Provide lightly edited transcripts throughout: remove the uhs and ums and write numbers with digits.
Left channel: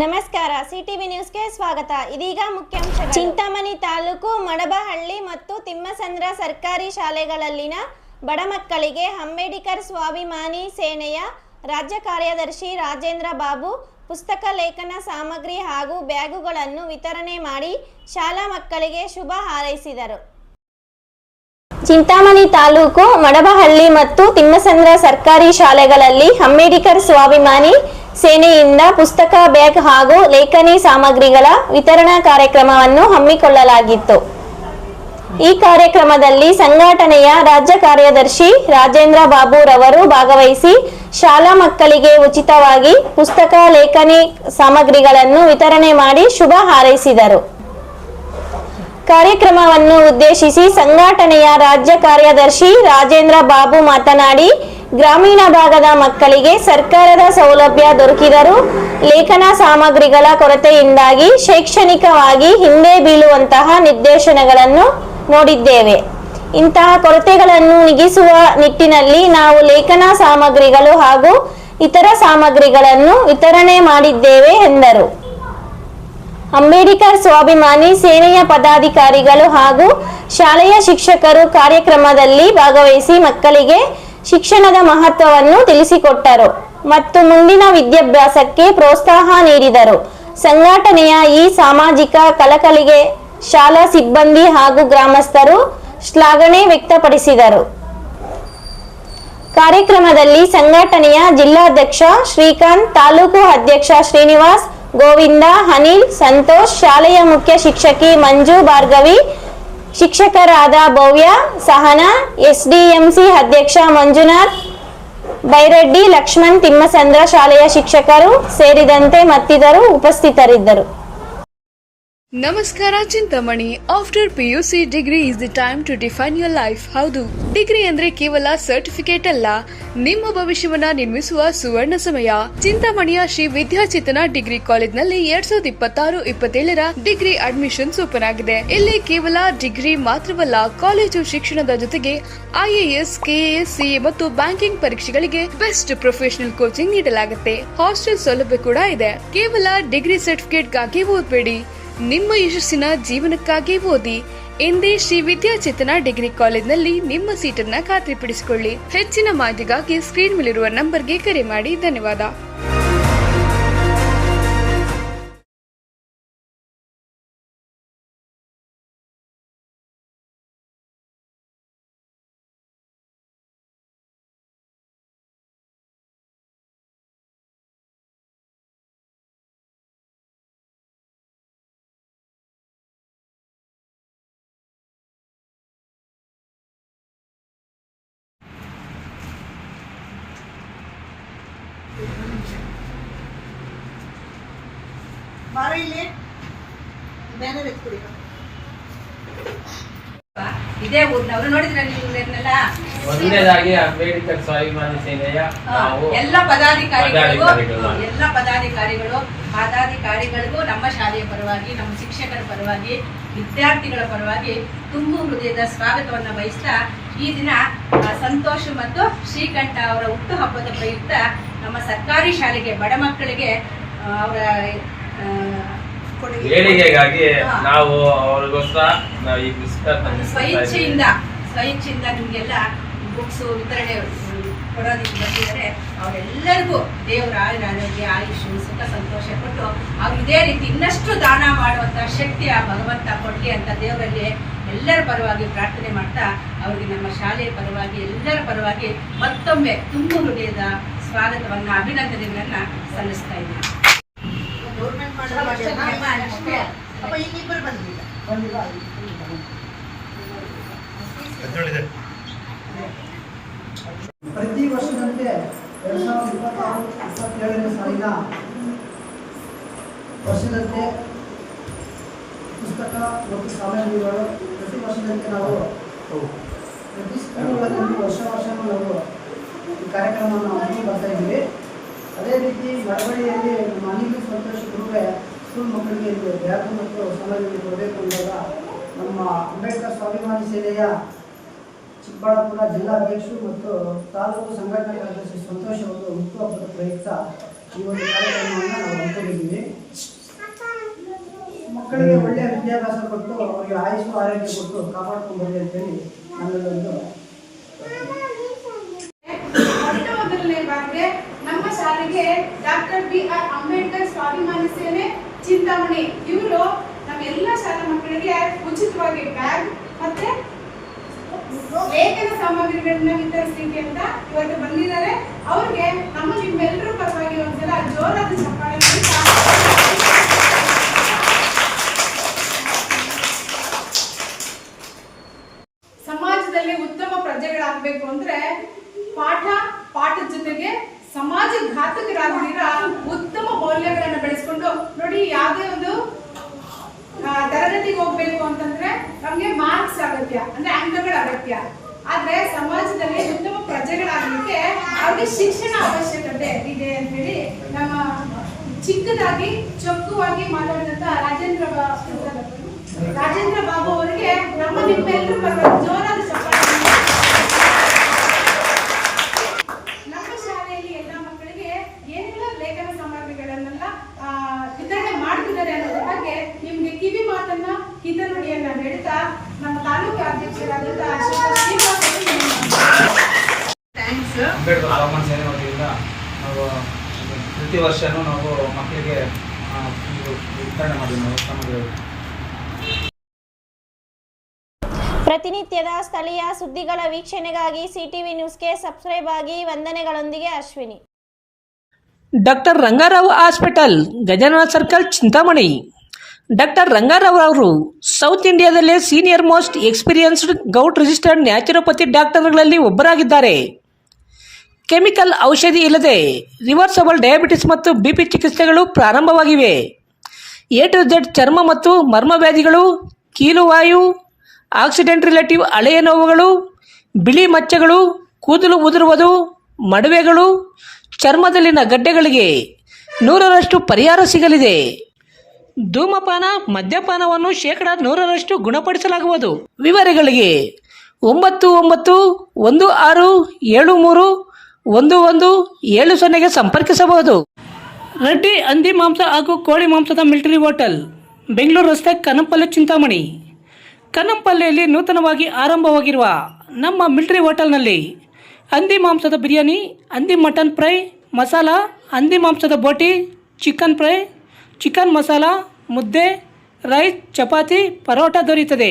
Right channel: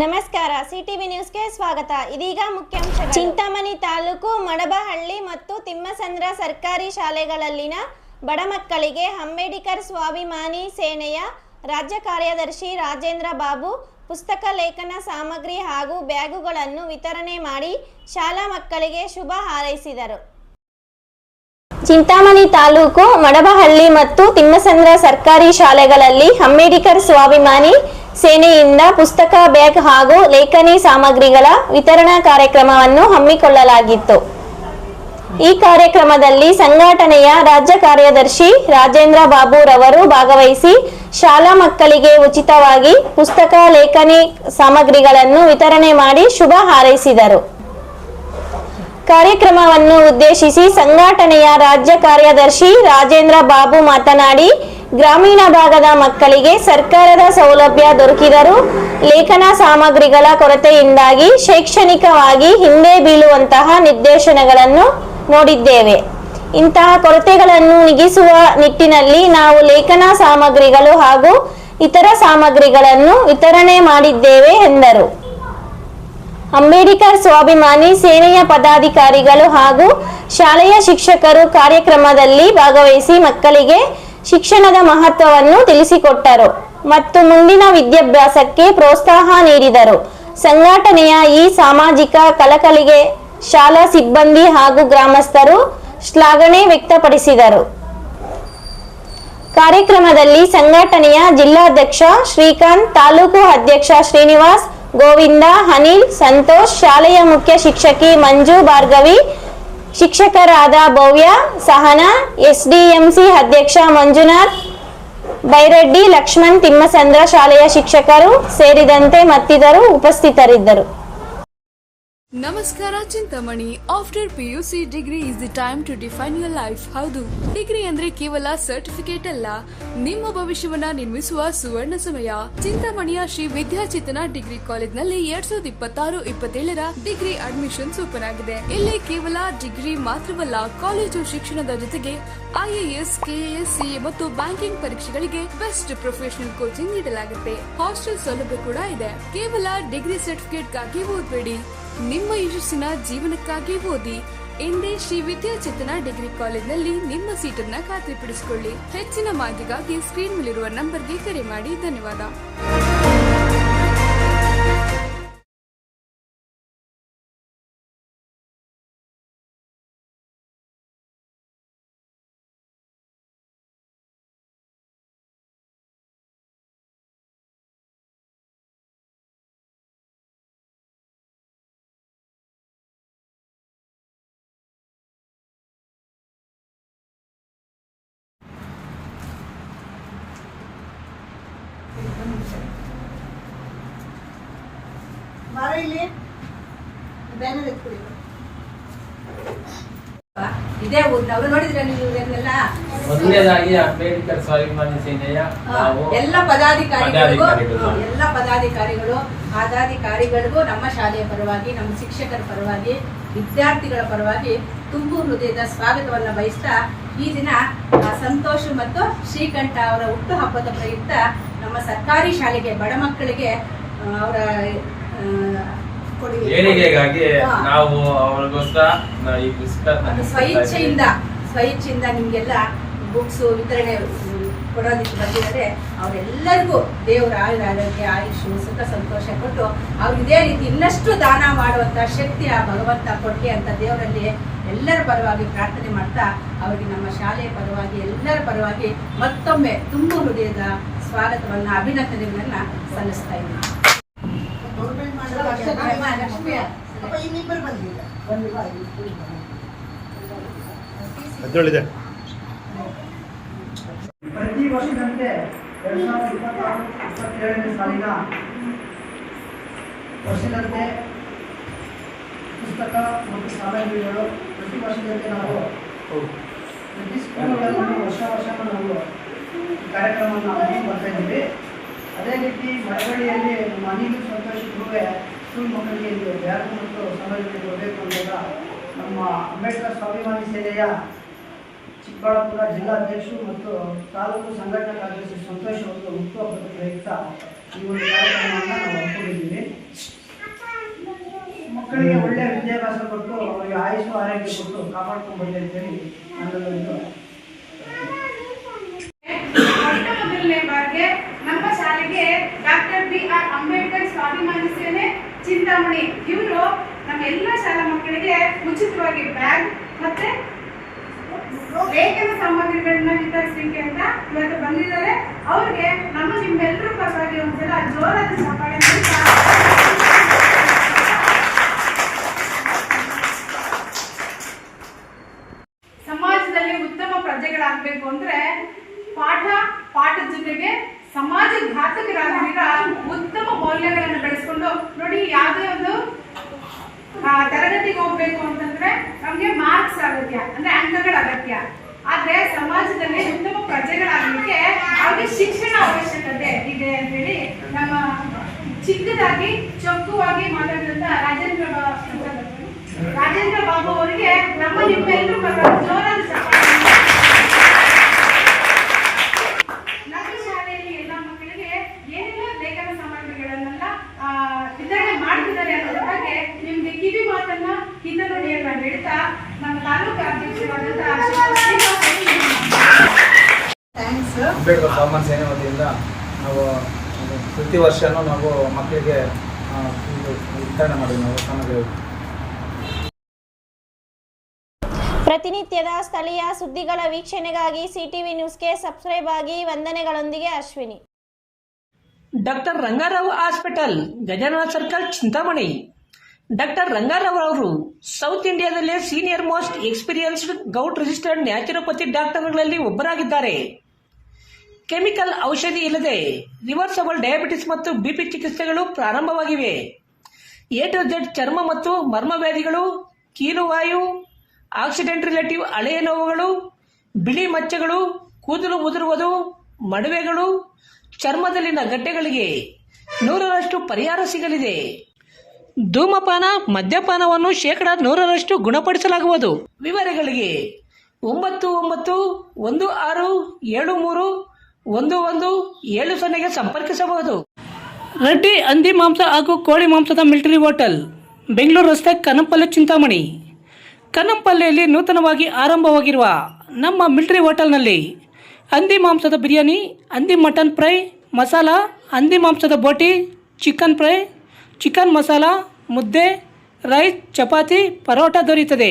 ನಮಸ್ಕಾರ, ಸಿಟಿವಿ ನ್ಯೂಸ್ಗೆ ಸ್ವಾಗತ. ಇದೀಗ ಮುಖ್ಯಾಂಶಗಳು. ಚಿಂತಾಮಣಿ ತಾಲೂಕು ಮಡಬಹಳ್ಳಿ ಮತ್ತು ತಿಮ್ಮಸಂದ್ರ ಸರ್ಕಾರಿ ಶಾಲೆಗಳಲ್ಲಿನ ಬಡ ಮಕ್ಕಳಿಗೆ ಅಂಬೇಡ್ಕರ್ ಸ್ವಾಭಿಮಾನಿ ಸೇನೆಯ ರಾಜ್ಯ ಕಾರ್ಯದರ್ಶಿ ರಾಜೇಂದ್ರ ಬಾಬು ಪುಸ್ತಕ ಲೇಖನ ಸಾಮಗ್ರಿ ಹಾಗೂ ಬ್ಯಾಗುಗಳನ್ನು ವಿತರಣೆ ಮಾಡಿ ಶಾಲಾ ಮಕ್ಕಳಿಗೆ ಶುಭ ಹಾರೈಸಿದರು. ಚಿಂತಾಮಣಿ ತಾಲೂಕು ಮಡಬಹಳ್ಳಿ ಮತ್ತು ತಿಮ್ಮಸಂದ್ರ ಸರ್ಕಾರಿ ಶಾಲೆಗಳಲ್ಲಿ ಅಂಬೇಡ್ಕರ್ ಸ್ವಾಭಿಮಾನಿ ಸೇನೆಯಿಂದ ಪುಸ್ತಕ, ಬ್ಯಾಗ್ ಹಾಗೂ ಲೇಖನಿ ಸಾಮಗ್ರಿಗಳ ವಿತರಣಾ ಕಾರ್ಯಕ್ರಮವನ್ನು ಹಮ್ಮಿಕೊಳ್ಳಲಾಗಿತ್ತು. ಈ ಕಾರ್ಯಕ್ರಮದಲ್ಲಿ ಸಂಘಟನೆಯ ರಾಜ್ಯ ಕಾರ್ಯದರ್ಶಿ ರಾಜೇಂದ್ರ ಬಾಬು ರವರು ಭಾಗವಹಿಸಿ ಶಾಲಾ ಮಕ್ಕಳಿಗೆ ಉಚಿತವಾಗಿ ಪುಸ್ತಕ, ಲೇಖನಿ ಸಾಮಗ್ರಿಗಳನ್ನು ವಿತರಣೆ ಮಾಡಿ ಶುಭ ಹಾರೈಸಿದರು. ಕಾರ್ಯಕ್ರಮವನ್ನು ಉದ್ದೇಶಿಸಿ ಸಂಘಟನೆಯ ರಾಜ್ಯ ಕಾರ್ಯದರ್ಶಿ ರಾಜೇಂದ್ರ ಬಾಬು ಮಾತನಾಡಿ, ಗ್ರಾಮೀಣ ಭಾಗದ ಮಕ್ಕಳಿಗೆ ಸರ್ಕಾರದ ಸೌಲಭ್ಯ ದೊರಕಿದರೂ ಲೇಖನ ಸಾಮಗ್ರಿಗಳ ಕೊರತೆಯಿಂದಾಗಿ ಶೈಕ್ಷಣಿಕವಾಗಿ ಹಿಂದೆ ಬೀಳುವಂತಹ ನಿರ್ದೇಶನಗಳನ್ನು ನೋಡಿದ್ದೇವೆ. ಇಂತಹ ಕೊರತೆಗಳನ್ನು ನೀಗಿಸುವ ನಿಟ್ಟಿನಲ್ಲಿ ನಾವು ಲೇಖನ ಸಾಮಗ್ರಿಗಳು ಹಾಗೂ ಇತರ ಸಾಮಗ್ರಿಗಳನ್ನು ವಿತರಣೆ ಮಾಡಿದ್ದೇವೆ ಎಂದರು. ಅಂಬೇಡ್ಕರ್ ಸ್ವಾಭಿಮಾನಿ ಸೇನೆಯ ಪದಾಧಿಕಾರಿಗಳು ಹಾಗೂ ಶಾಲೆಯ ಶಿಕ್ಷಕರು ಕಾರ್ಯಕ್ರಮದಲ್ಲಿ ಭಾಗವಹಿಸಿ ಮಕ್ಕಳಿಗೆ ಶಿಕ್ಷಣದ ಮಹತ್ವವನ್ನು ತಿಳಿಸಿಕೊಟ್ಟರು ಮತ್ತು ಮುಂದಿನ ವಿದ್ಯಾಭ್ಯಾಸಕ್ಕೆ ಪ್ರೋತ್ಸಾಹ ನೀಡಿದರು. ಸಂಘಟನೆಯ ಈ ಸಾಮಾಜಿಕ ಕಳಕಳಿಗೆ ಶಾಲಾ ಸಿಬ್ಬಂದಿ ಹಾಗೂ ಗ್ರಾಮಸ್ಥರು ಶ್ಲಾಘನೆ ವ್ಯಕ್ತಪಡಿಸಿದರು. ಕಾರ್ಯಕ್ರಮದಲ್ಲಿ ಸಂಘಟನೆಯ ಜಿಲ್ಲಾಧ್ಯಕ್ಷ ಶ್ರೀಕಾಂತ್, ತಾಲೂಕು ಅಧ್ಯಕ್ಷ ಶ್ರೀನಿವಾಸ್, ಗೋವಿಂದ, ಅನಿಲ್, ಸಂತೋಷ್, ಶಾಲೆಯ ಮುಖ್ಯ ಶಿಕ್ಷಕಿ ಮಂಜು, ಭಾರ್ಗವಿ, ಶಿಕ್ಷಕರಾದ ಭವ್ಯ, ಸಹನಾ, ಎಸ್ಡಿಎಂಸಿ ಅಧ್ಯಕ್ಷ ಮಂಜುನಾಥ್, ಬೈರೆಡ್ಡಿ, ಲಕ್ಷ್ಮಣ್, ತಿಮ್ಮಸಂದ್ರ ಶಾಲೆಯ ಶಿಕ್ಷಕರು ಸೇರಿದಂತೆ ಮತ್ತಿತರರು ಉಪಸ್ಥಿತರಿದ್ದರು. ನಮಸ್ಕಾರ Chintamani. After PUC degree is the time to define your life. ಹೌದು, ಡಿಗ್ರಿ ಅಂದ್ರೆ ಕೇವಲ ಸರ್ಟಿಫಿಕೇಟ್ ಅಲ್ಲ, ನಿಮ್ಮ ಭವಿಷ್ಯವನ್ನ ನಿರ್ಮಿಸುವ ಸುವರ್ಣ ಸಮಯ. ಚಿಂತಾಮಣಿಯ ಶ್ರೀ ವಿದ್ಯಾಚೇತನ ಡಿಗ್ರಿ ಕಾಲೇಜ್ನಲ್ಲಿ 2026-27ರ ಡಿಗ್ರಿ ಅಡ್ಮಿಷನ್ಸ್ ಓಪನ್ ಆಗಿದೆ. ಇಲ್ಲಿ ಕೇವಲ ಡಿಗ್ರಿ ಮಾತ್ರವಲ್ಲ, ಕಾಲೇಜು ಶಿಕ್ಷಣದ ಜೊತೆಗೆ IAS, KAS, CA ಮತ್ತು ಬ್ಯಾಂಕಿಂಗ್ ಪರೀಕ್ಷೆಗಳಿಗೆ ಬೆಸ್ಟ್ ಪ್ರೊಫೆಷನಲ್ ಕೋಚಿಂಗ್ ನೀಡಲಾಗುತ್ತೆ. ಹಾಸ್ಟೆಲ್ ಸೌಲಭ್ಯ ಕೂಡ ಇದೆ. ಕೇವಲ ಡಿಗ್ರಿ ಸರ್ಟಿಫಿಕೇಟ್ಗಾಗಿ ಓದಬೇಡಿ, ನಿಮ್ಮ ಯಶಸ್ಸಿನ ಜೀವನಕ್ಕಾಗಿ ಓದಿ. ಎಂದೇ ಶ್ರೀ ವಿದ್ಯಾಚೇತನ ಡಿಗ್ರಿ ಕಾಲೇಜ್ನಲ್ಲಿ ನಿಮ್ಮ ಸೀಟನ್ನ ಖಾತ್ರಿಪಡಿಸಿಕೊಳ್ಳಿ. ಹೆಚ್ಚಿನ ಮಾಹಿತಿಗಾಗಿ ಸ್ಕ್ರೀನ್ ಮೇಲಿರುವ ನಂಬರ್ಗೆ ಕರೆ ಮಾಡಿ. ಧನ್ಯವಾದ. ಇದೇ ಊರಿನವರು ನೋಡಿದ್ರ ನೀವು ಇವರನ್ನೆಲ್ಲ. ಮೊದಲನೇದಾಗಿ ಅಂಬೇಡ್ಕರ್ ಸ್ವಾಭಿಮಾನಿ ಸೇನೆಯ ಎಲ್ಲ ಪದಾಧಿಕಾರಿಗಳಿಗೂ ನಮ್ಮ ಶಾಲೆಯ ಪರವಾಗಿ, ನಮ್ಮ ಶಿಕ್ಷಕರ ಪರವಾಗಿ, ವಿದ್ಯಾರ್ಥಿಗಳ ಪರವಾಗಿ ತುಂಬು ಹೃದಯದ ಸ್ವಾಗತವನ್ನು ಬಯಸ್ತಾ, ಈ ದಿನ ಸಂತೋಷ್ ಮತ್ತು ಶ್ರೀಕಂಠ ಅವರ ಹುಟ್ಟು ಹಬ್ಬದ ಪ್ರಯುಕ್ತ ನಮ್ಮ ಸರ್ಕಾರಿ ಶಾಲೆಗೆ ಬಡ ಮಕ್ಕಳಿಗೆ ಅವರ ಏಳಿಗೆಗಾಗಿ ನಾವು ಅವ್ರಿಗೋಸ್ಕರ ಈ ಪುಸ್ತಕ ಸ್ವಇಚ್ಛೆಯಿಂದ ನಿಮ್ಗೆಲ್ಲ ಬುಕ್ಸ್ ವಿತರಣೆ ಕೊಡೋದಕ್ಕೆ ಬಂದಿದ್ದಾರೆ. ಅವರೆಲ್ಲರಿಗೂ ದೇವರ ಆರೋಗ್ಯ, ಆಯುಷ್, ಸುಖ, ಸಂತೋಷ ಕೊಟ್ಟು ಅವ್ರಿಗೆ ಇದೇ ರೀತಿ ಇನ್ನಷ್ಟು ದಾನ ಮಾಡುವಂತ ಶಕ್ತಿ ಆ ಭಗವಂತ ಕೊಡ್ಲಿ ಅಂತ ದೇವರಲ್ಲಿ ಎಲ್ಲರ ಪರವಾಗಿ ಪ್ರಾರ್ಥನೆ ಮಾಡ್ತಾ, ಅವರಿಗೆ ನಮ್ಮ ಶಾಲೆಯ ಪರವಾಗಿ, ಎಲ್ಲರ ಪರವಾಗಿ ಮತ್ತೊಮ್ಮೆ ತುಂಬು ಹೃದಯದ ಸ್ವಾಗತವನ್ನ, ಅಭಿನಂದನೆಗಳನ್ನ ಸಲ್ಲಿಸ್ತಾ ಇದ್ದೀನಿ. ಪ್ರತಿ ವರ್ಷದಂತೆ 2026-27ನೇ ಸಾಲಿನ ವರ್ಷದಂತೆ ಪುಸ್ತಕ ಮತ್ತು ಸಾಮಗ್ರಿಗಳು ಪ್ರತಿ ವರ್ಷದಂತೆ ನಾವು ಪ್ರತಿ ಸ್ಕೂಲ್ಗಳಲ್ಲಿ ವರ್ಷ ನಾವು ಈ ಕಾರ್ಯಕ್ರಮವನ್ನು ಮಾಡ್ಕೊಂಡು ಬರ್ತಾ ಇದ್ದೀವಿ. ಅದೇ ರೀತಿ ಮಳವಳ್ಳಿಯಲ್ಲಿ ನಮ್ಮ ಅನಿಲ್, ಸಂತೋಷ್ ಗ್ರೂಪೇ ಸ್ಕೂಲ್ ಮಕ್ಕಳಿಗೆ ಬ್ಯಾಗ್ ಮತ್ತು ಸಾಮಗ್ರಿಗಳು ಕೊಡಬೇಕು ಅಂದಾಗ ನಮ್ಮ ಅಂಬೇಡ್ಕರ್ ಸ್ವಾಭಿಮಾನಿ ಸೇನೆಯ ಚಿಕ್ಕಬಳ್ಳಾಪುರ ಜಿಲ್ಲಾಧ್ಯಕ್ಷರು ಮತ್ತು ತಾಲೂಕು ಸಂಘಟನಾ ಕಾರ್ಯದರ್ಶಿ ಸಂತೋಷ್ ಅವರು ಹುಟ್ಟುಹಬ್ಬದ ಪ್ರಯುಕ್ತ ಈ ಒಂದು ಕಾರ್ಯಕ್ರಮವನ್ನು ನಾವು ಹಮ್ಮಿಕೊಂಡಿದ್ದೀವಿ. ಮಕ್ಕಳಿಗೆ ಒಳ್ಳೆಯ ವಿದ್ಯಾಭ್ಯಾಸ ಕೊಟ್ಟು ಅವರಿಗೆ ಆಯುಷ್ ಆರೋಗ್ಯ ಕೊಟ್ಟು ಕಾಪಾಡ್ಕೊಂಡು ಬರಲಿ ಅಂತೇಳಿ ನನ್ನದೊಂದು ಮೊದಲನೇ ಬಾರಿಗೆ ನಮ್ಮ ಶಾಲೆಗೆ ಡಾಕ್ಟರ್ BR ಅಂಬೇಡ್ಕರ್ ಸ್ವಾಭಿಮಾನಿ ಸೇನೆ ಚಿಂತಾಮಣಿ ಇವರು ನಮ್ಮ ಎಲ್ಲ ಶಾಲಾ ಮಕ್ಕಳಿಗೆ ಉಚಿತವಾಗಿ ಬ್ಯಾಗ್ ಮತ್ತೆ ಲೇಖನ ಸಾಮಗ್ರಿಗಳನ್ನ ವಿತರಿಸಲಿಕ್ಕೆ ಅಂತ ಇವತ್ತು ಬಂದಿದ್ದಾರೆ. ಅವ್ರಿಗೆ ನಿಮ್ಮೆಲ್ಲರ ಪರವಾಗಿ ಒಂದ್ಸಲ ಜೋರಾದ ಚಪ್ಪಾಳೆ ಸಮಾಜದಲ್ಲಿ ಉತ್ತಮ ಪ್ರಜೆಗಳಾಗಬೇಕು ಅಂದ್ರೆ ಪಾಠದ ಜೊತೆಗೆ ಸಮಾಜ ಘಾತಕರಾಗಿರ ಉತ್ತಮ ಮೌಲ್ಯಗಳನ್ನು ಬೆಳೆಸ್ಕೊಂಡು ನೋಡಿ. ಯಾವುದೇ ಒಂದು ತರಗತಿಗೆ ಹೋಗ್ಬೇಕು ಅಂತಂದ್ರೆ ನಮ್ಗೆ ಮಾರ್ಕ್ಸ್ ಅಗತ್ಯ, ಅಂದ್ರೆ ಅಂಕಗಳ ಅಗತ್ಯ. ಆದ್ರೆ ಸಮಾಜದಲ್ಲಿ ಉತ್ತಮ ಪ್ರಜೆಗಳಾಗಲಿಕ್ಕೆ ಅವ್ರಿಗೆ ಶಿಕ್ಷಣ ಅವಶ್ಯಕತೆ ಇದೆ ಅಂತ ಹೇಳಿ ನಮ್ಮ ಚಿಕ್ಕದಾಗಿ ಚೊಕ್ಕವಾಗಿ ಮಾತಾಡಿದಂತ ರಾಜೇಂದ್ರ ಬಾಬು ಅವರಿಗೆ ನಿಮ್ಮೆಲ್ಲರೂ ಜೋರಾದ ಚಪ್ಪಾಳೆ. ನಮ್ಮ ಶಾಲೆಯಲ್ಲಿ ಎಲ್ಲ ಮಕ್ಕಳಿಗೆ ಏನೆಲ್ಲ ಲೇಖನ ಸಾಮಗ್ರಿಗಳನ್ನೆಲ್ಲ ವಿತರಣೆ ಮಾಡ್ತಿದ್ದಾರೆ ಅನ್ನೋದ್ರ ಬಗ್ಗೆ ನಿಮ್ಗೆ ಕಿವಿ ಮಾತನ್ನ ಹಿತನುಡಿಯನ್ನ ಹೇಳ್ತಾ ನಮ್ಮ ತಾಲೂಕು ಅಧ್ಯಕ್ಷರಾದಂತಹ ಅಂಬೇಡ್ಕರ್ ಸ್ವಾಭಿಮಾನಿ ಸೇನೆ ವತಿಯಿಂದ ನಾವು ಪ್ರತಿ ವರ್ಷನೂ ನಾವು ಮಕ್ಕಳಿಗೆ ವಿತರಣೆ ಮಾಡಿದ್ವಿ ನಾವು ಸಾಮಗ್ರಿಗಳು. ಪ್ರತಿನಿತ್ಯದ ಸ್ಥಳೀಯ ಸುದ್ದಿಗಳ ವೀಕ್ಷಣೆಗಾಗಿ ಸಿಟಿವಿ ನ್ಯೂಸ್ಗೆ ಸಬ್ಸ್ಕ್ರೈಬ್ ಆಗಿ. ವಂದನೆಗಳೊಂದಿಗೆ Ashwini. Doctor Ranga Rao hospital, Gajanana circle, Chintamani. Doctor Ranga Rao ಅವರು ಸೌತ್ ಇಂಡಿಯಾದಲ್ಲೇ senior most experienced gout registered naturopathy ಡಾಕ್ಟರ್ಗಳಲ್ಲಿ ಒಬ್ಬರಾಗಿದ್ದಾರೆ. ಕೆಮಿಕಲ್ ಔಷಧಿ ಇಲ್ಲದೆ ರಿವರ್ಸಬಲ್ ಡಯಾಬಿಟಿಸ್ ಮತ್ತು BP ಚಿಕಿತ್ಸೆಗಳು ಪ್ರಾರಂಭವಾಗಿವೆ. A to Z ಚರ್ಮ ಮತ್ತು ಮರ್ಮವ್ಯಾಧಿಗಳು, ಕೀಲುವಾಯು, ಆಕ್ಸಿಡೆಂಟ್ ರಿಲೇಟಿವ್ ಹಳೆಯ ನೋವುಗಳು, ಬಿಳಿ ಮಚ್ಚೆಗಳು, ಕೂದಲು ಉದುರುವುದು, ಮಡುವೆಗಳು, ಚರ್ಮದಲ್ಲಿನ ಗಡ್ಡೆಗಳಿಗೆ 100% ಪರಿಹಾರ ಸಿಗಲಿದೆ. ಧೂಮಪಾನ, ಮದ್ಯಪಾನವನ್ನು 100% ಗುಣಪಡಿಸಲಾಗುವುದು. ವಿವರಗಳಿಗೆ 9916731170 ಸಂಪರ್ಕಿಸಬಹುದು. ರೆಡ್ಡಿ ಹಂದಿ ಮಾಂಸ ಹಾಗೂ ಕೋಳಿ ಮಾಂಸದ ಮಿಲಿಟರಿ ಹೋಟೆಲ್, ಬೆಂಗಳೂರು ರಸ್ತೆ, ಕನಂಪಲ್ಲಿ, ಚಿಂತಾಮಣಿ. ಕನಂಪಲ್ಲಿಯಲ್ಲಿ ನೂತನವಾಗಿ ಆರಂಭವಾಗಿರುವ ನಮ್ಮ ಮಿಲಿಟರಿ ಹೋಟೆಲ್ನಲ್ಲಿ ಹಂದಿ ಮಾಂಸದ ಬಿರಿಯಾನಿ, ಹಂದಿ ಮಟನ್ ಫ್ರೈ, ಮಸಾಲ, ಹಂದಿ ಮಾಂಸದ ಬೋಟಿ, ಚಿಕನ್ ಫ್ರೈ, ಚಿಕನ್ ಮಸಾಲ, ಮುದ್ದೆ, ರೈಸ್, ಚಪಾತಿ, ಪರೋಟ ದೊರೆಯುತ್ತದೆ.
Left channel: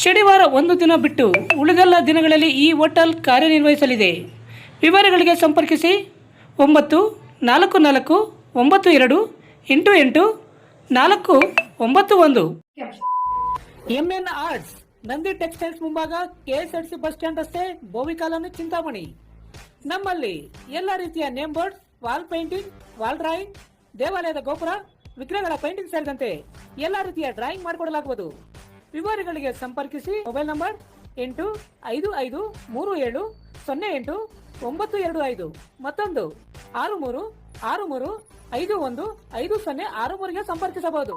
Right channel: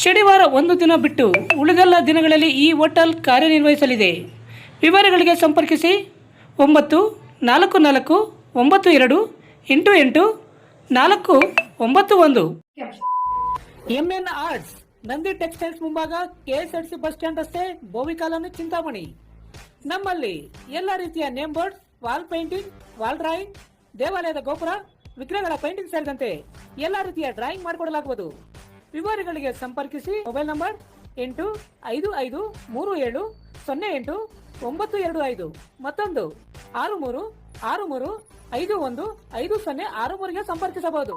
ಶನಿವಾರ ಒಂದು ದಿನ ಬಿಟ್ಟು ಉಳಿದೆಲ್ಲ ದಿನಗಳಲ್ಲಿ ಈ ಹೋಟೆಲ್ ಕಾರ್ಯನಿರ್ವಹಿಸಲಿದೆ. ವಿವರಗಳಿಗೆ ಸಂಪರ್ಕಿಸಿ 9492888491. MN ಆರ್ಟ್ಸ್, ನಂದಿ ಟೆಕ್ಸ್ಟೈಲ್ಸ್ ಮುಂಭಾಗ, KSRTC ಬಸ್ ಸ್ಟ್ಯಾಂಡ್ ರಸ್ತೆ, ಬೋವಿ ಕಾಲೋನಿ, ಚಿಂತಾಮಣಿ. ನಮ್ಮಲ್ಲಿ ಎಲ್ಲ ರೀತಿಯ name board, wall painting, wall drawing, ದೇವಾಲಯದ ಗೋಪುರ, ವಿಗ್ರಹಗಳ ಪೇಂಟಿಂಗ್ ಸೇರಿದಂತೆ ಎಲ್ಲ ರೀತಿಯ ಡ್ರಾಯಿಂಗ್ ಮಾಡಿಕೊಡಲಾಗುವುದು. ವಿವರಗಳಿಗೆ ಸಂಪರ್ಕಿಸಿ. ಮೊಬೈಲ್ ನಂಬರ್ 8553708925, ಮತ್ತೊಂದು 636351505063ಗೆ ಸಂಪರ್ಕಿಸಬಹುದು.